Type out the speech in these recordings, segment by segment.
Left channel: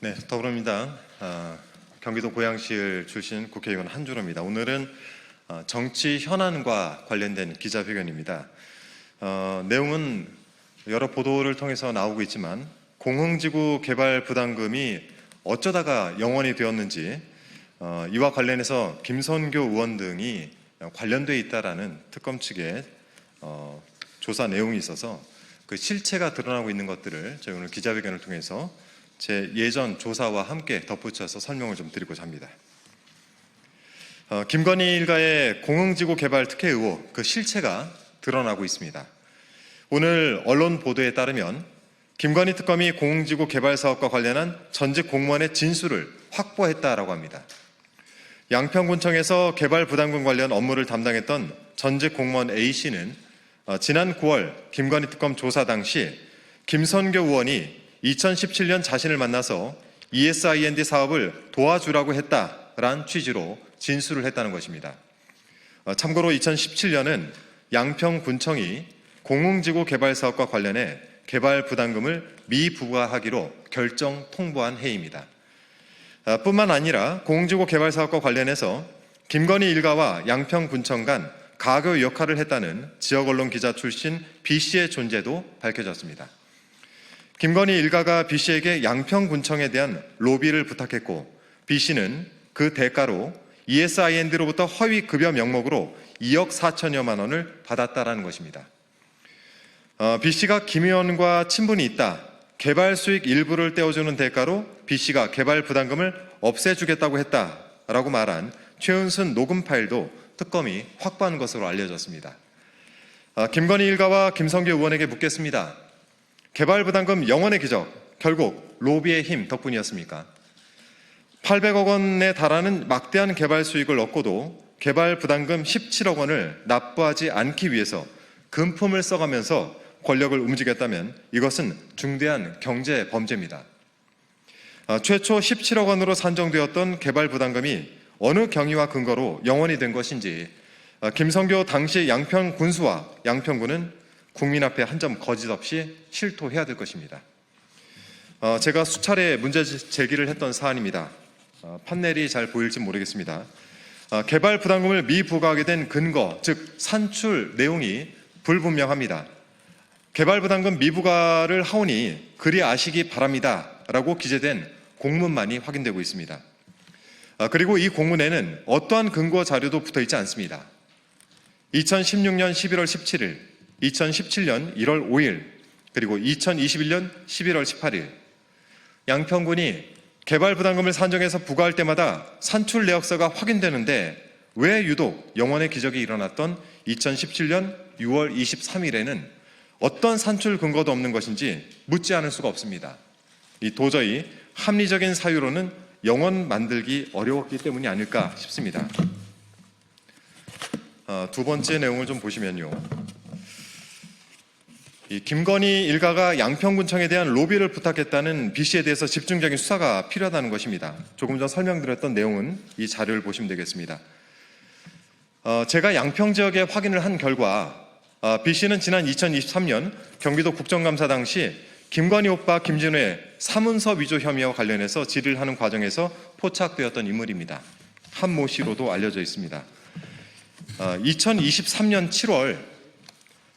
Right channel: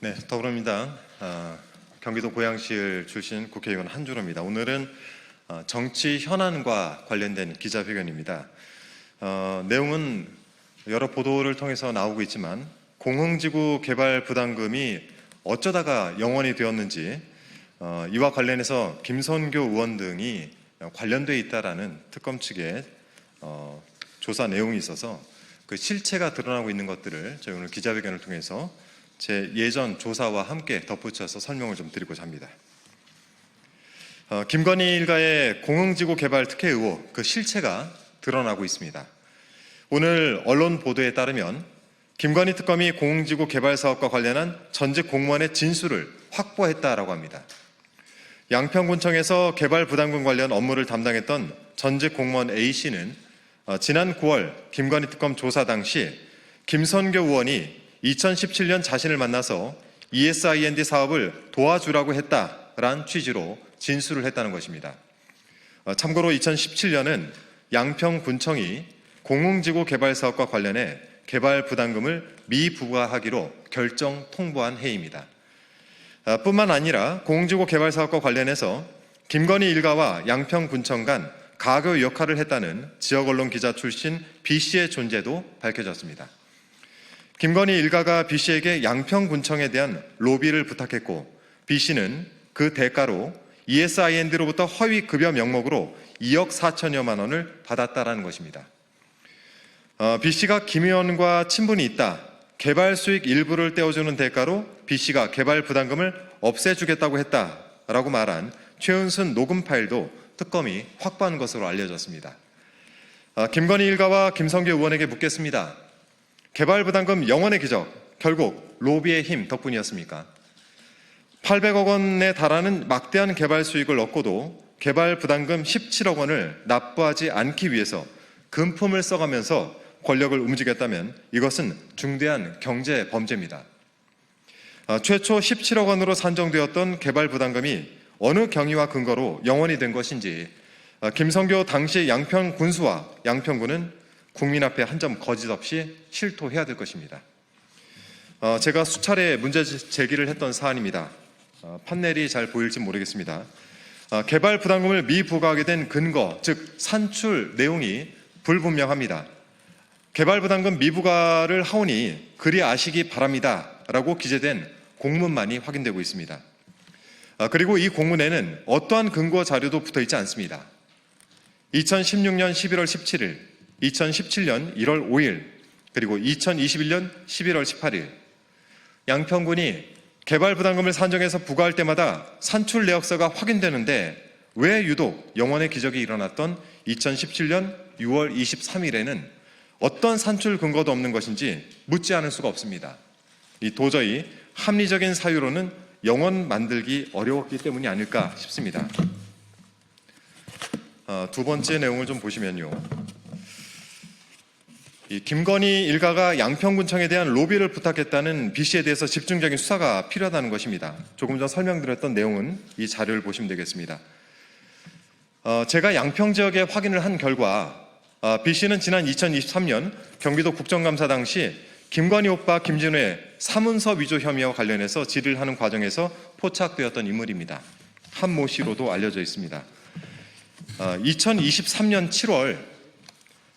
네, 더불어민주당 경기도 고양시을 출신 국회의원 한준호입니다. 오늘은 정치 현안과 관련된 기자회견입니다. 내용은 여러 보도를 통해서 나오고 있지만 공흥지구 개발 부담금이 어쩌다가 영원이 되었는지 이와 관련해서 김선교 의원 등이 관련되어 있다라는 특검 측의 조사 내용이 있어서 그 실체가 드러나고 있는 것들을 저희 오늘 기자회견을 통해서 제 예전 조사와 함께 덧붙여서 설명을 좀 드리고자 합니다. 김건희 일가의 공흥지구 개발 특혜 의혹, 그 실체가 드러나고 있습니다. 오늘 언론 보도에 따르면 김건희 특검이 공흥지구 개발 사업과 관련한 전직 공무원의 진술을 확보했다라고 합니다. 양평군청에서 개발 부담금 관련 업무를 담당했던 전직 공무원 A씨는 지난 9월 김건희 특검 조사 당시 김선교 의원이 2017년 자신을 만나서 ESIND 사업을 도와주라고 했다라는 취지로 진술을 했다는 것입니다. 참고로 2017년은 양평군청이 공흥지구 개발 사업과 관련해 개발 부담금을 미부과하기로 결정 통보한 해입니다. 뿐만 아니라 공흥지구 개발 사업과 관련해서 김건희 일가와 양평군청 간 가교 역할을 했다는 지역 언론 기자 출신 B씨의 존재도 밝혀졌습니다. 김건희 일가가 B씨에게 양평군청에 대한 로비를 부탁했고 B씨는 그 대가로 ESIND로부터 허위 급여 명목으로 2억 4천여만 원을 받았다라는 것입니다. B씨가 김 의원과 친분이 있다. 개발 수익 일부를 떼어주는 대가로 B씨가 개발 부담금을 없애주겠다고 했다라고 말한 최은순 녹음 파일도 특검이 확보한 것으로 알려졌습니다. 김건희 일가와 김선교 의원에게 묻겠습니다. 개발 부담금 영원의 기적, 결국 로비의 힘 덕분이었습니까? 800억 원에 달하는 막대한 개발 수익을 얻고도 개발 부담금 17억 원을 납부하지 않기 위해서 금품을 써가면서 권력을 움직였다면 이것은 중대한 경제 범죄입니다. 최초 17억 원으로 산정되었던 개발 부담금이 어느 경위와 근거로 영원이 된 것인지 김선교 당시 양평군수와 양평군은 국민 앞에 한 점 거짓 없이 실토해야 될 것입니다. 제가 수차례 문제 제기를 했던 사안입니다. 판넬이 잘 보일지 모르겠습니다. 개발 부담금을 미부과하게 된 근거, 즉 산출 내용이 불분명합니다. 개발 부담금 미부과를 하오니 그리 아시기 바랍니다. 라고 기재된 공문만이 확인되고 있습니다. 그리고 이 공문에는 어떠한 근거 자료도 붙어있지 않습니다. 2016년 11월 17일, 2017년 1월 5일, 그리고 2021년 11월 18일 양평군이 개발 부담금을 산정해서 부과할 때마다 산출 내역서가 확인되는데 왜 유독 영원의 기적이 일어났던 2017년 6월 23일에는 어떤 산출 근거도 없는 것인지 묻지 않을 수가 없습니다. 이 도저히 합리적인 사유로는 영원 만들기 어려웠기 때문이 아닐까 싶습니다. 두 번째 내용을 좀 보시면요. 이 김건희 일가가 양평군청에 대한 로비를 부탁했다는 B씨에 대해서 집중적인 수사가 필요하다는 것입니다. 조금 전 설명드렸던 내용은 이 자료를 보시면 되겠습니다. 제가 양평 지역에 확인을 한 결과 B씨는 지난 2023년 경기도 국정감사 당시 김건희 오빠 김진우의 사문서 위조 혐의와 관련해서 질의를 하는 과정에서 포착되었던 인물입니다. 한 모 씨로도 알려져 있습니다. 2023년 7월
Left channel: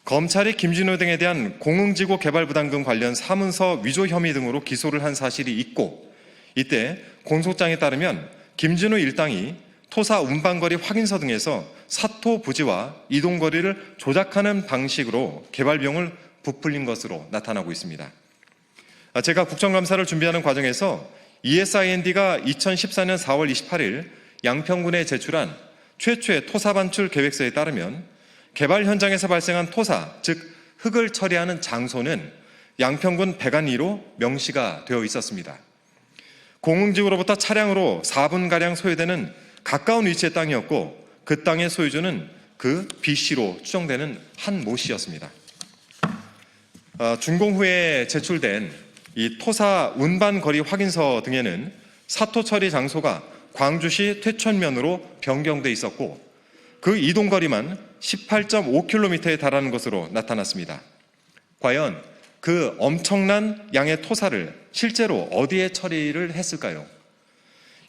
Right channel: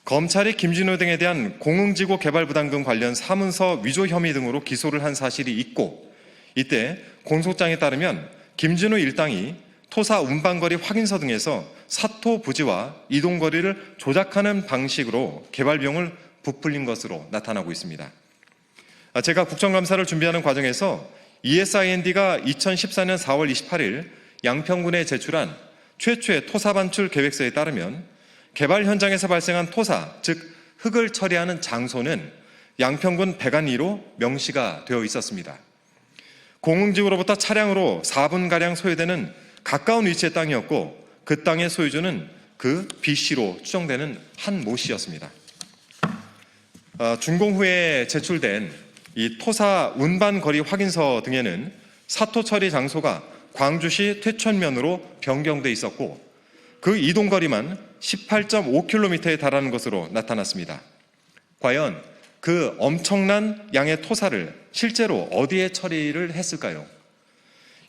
검찰이 김진우 등에 대한 공흥지구 개발 부담금 관련 사문서 위조 혐의 등으로 기소를 한 사실이 있고 이때 공소장에 따르면 김진우 일당이 토사 운반거리 확인서 등에서 사토 부지와 이동거리를 조작하는 방식으로 개발 비용을 부풀린 것으로 나타나고 있습니다. 제가 국정감사를 준비하는 과정에서 ESIND가 2014년 4월 28일 양평군에 제출한 최초의 토사 반출 계획서에 따르면 개발 현장에서 발생한 토사, 즉 흙을 처리하는 장소는 양평군 백안리로 명시가 되어 있었습니다. 공흥지구로부터 차량으로 4분가량 소요되는 가까운 위치의 땅이었고 그 땅의 소유주는 그 B씨로 추정되는 한 모 씨였습니다. 준공 후에 제출된 이 토사 운반거리 확인서 등에는 사토 처리 장소가 광주시 퇴촌면으로 변경돼 있었고 그 이동거리만 18.5km에 달하는 것으로 나타났습니다. 과연 그 엄청난 양의 토사를 실제로 어디에 처리를 했을까요?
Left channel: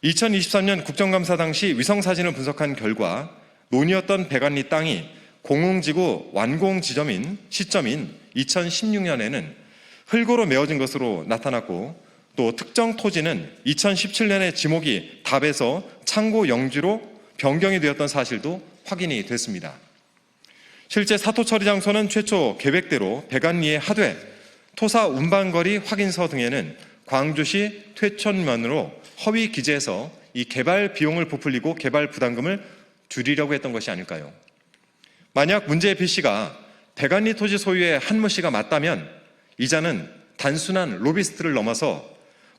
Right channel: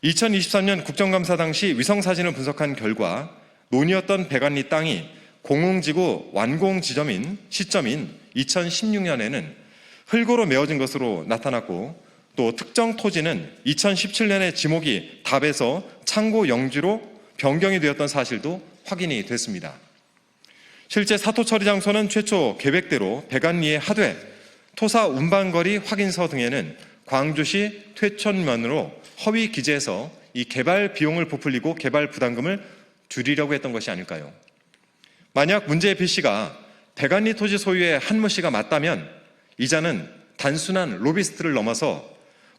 2023년 국정감사 당시 위성사진을 분석한 결과 논이었던 백안리 땅이 공흥지구 완공 시점인 2016년에는 흙으로 메워진 것으로 나타났고, 또 특정 토지는 2017년에 지목이 답에서 창고 영지로 변경이 되었던 사실도 확인이 됐습니다. 실제 사토 처리 장소는 최초 계획대로 백안리에 하되 토사 운반거리 확인서 등에는 광주시 퇴촌면으로 허위 기재해서 이 개발 비용을 부풀리고 개발 부담금을 줄이려고 했던 것이 아닐까요? 만약 문제의 B씨가 백안리 토지 소유의 한모 씨가 맞다면 이자는 단순한 로비스트를 넘어서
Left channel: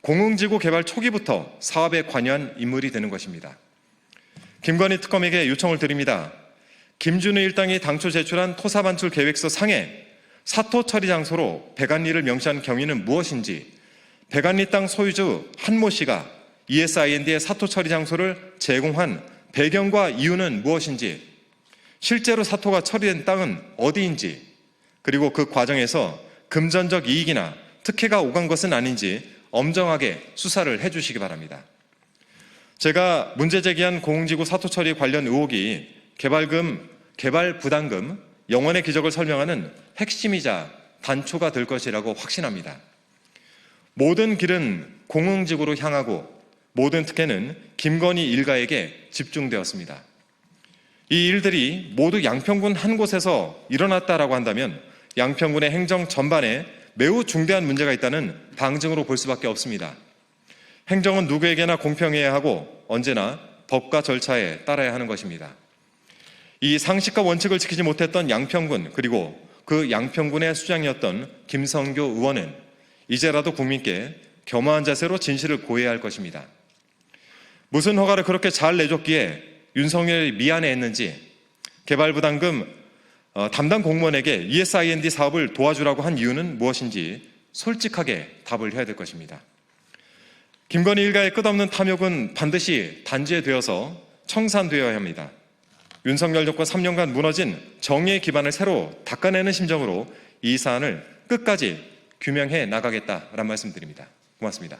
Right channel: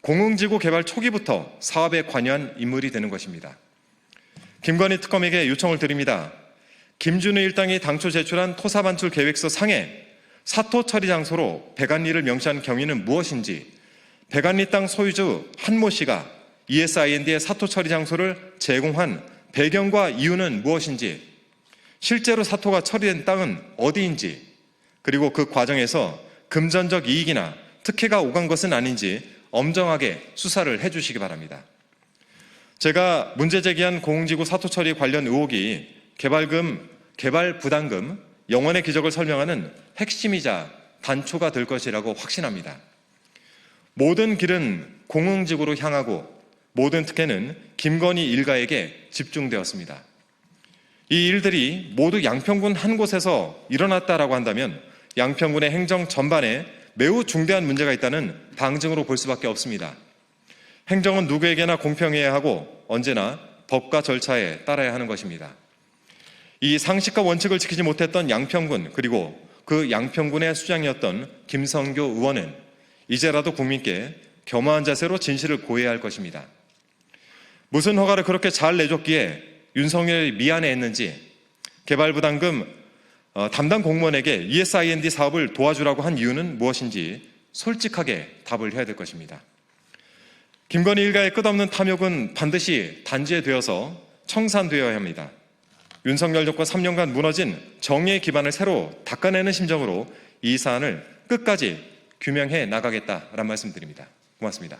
공흥지구 개발 초기부터 사업에 관여한 인물이 되는 것입니다. 김건희 특검에게 요청을 드립니다. 김준우 일당이 당초 제출한 토사 반출 계획서 상에 사토 처리 장소로 백안리를 명시한 경위는 무엇인지, 백안리 땅 소유주 한모 씨가 ESIND의 사토 처리 장소를 제공한 배경과 이유는 무엇인지, 실제로 사토가 처리된 땅은 어디인지, 그리고 그 과정에서 금전적 이익이나 특혜가 오간 것은 아닌지 엄정하게 수사를 해주시기 바랍니다. 제가 문제 제기한 공흥지구 사토 처리 관련 의혹이 개발금, 개발 부담금, 영원의 기적을 설명하는 핵심이자 단초가 될 것이라고 확신합니다. 모든 길은 공흥지구로 향하고 모든 특혜는 김건희 일가에게 집중되었습니다. 이 일들이 모두 양평군 한 곳에서 일어났다라고 한다면 양평군의 행정 전반에 매우 중대한 문제가 있다는 방증으로 볼 수밖에 없습니다. 행정은 누구에게나 공평해야 하고 언제나 법과 절차에 따라야 하는 것입니다. 이 상식과 원칙을 지키지 못했던 양평군, 그리고 그 양평군의 수장이었던 김성교 의원은 이제라도 국민께 겸허한 자세로 진실을 고해야 할 것입니다. 무슨 허가를 그렇게 잘 내줬기에 윤석열이 미안해했는지, 개발부담금 담당 공무원에게 ESIND 사업을 도와주라고 한 이유는 무엇인지 솔직하게 답을 해야 될 것입니다. 김건희 일가의 끝없는 탐욕은 반드시 단죄되어서 청산되어야 합니다. 윤석열 정권 3년간 무너진 정의의 기반을 새로 닦아내는 심정으로 이 사안을 끝까지 규명해 나가겠다라는 말씀드립니다. 고맙습니다.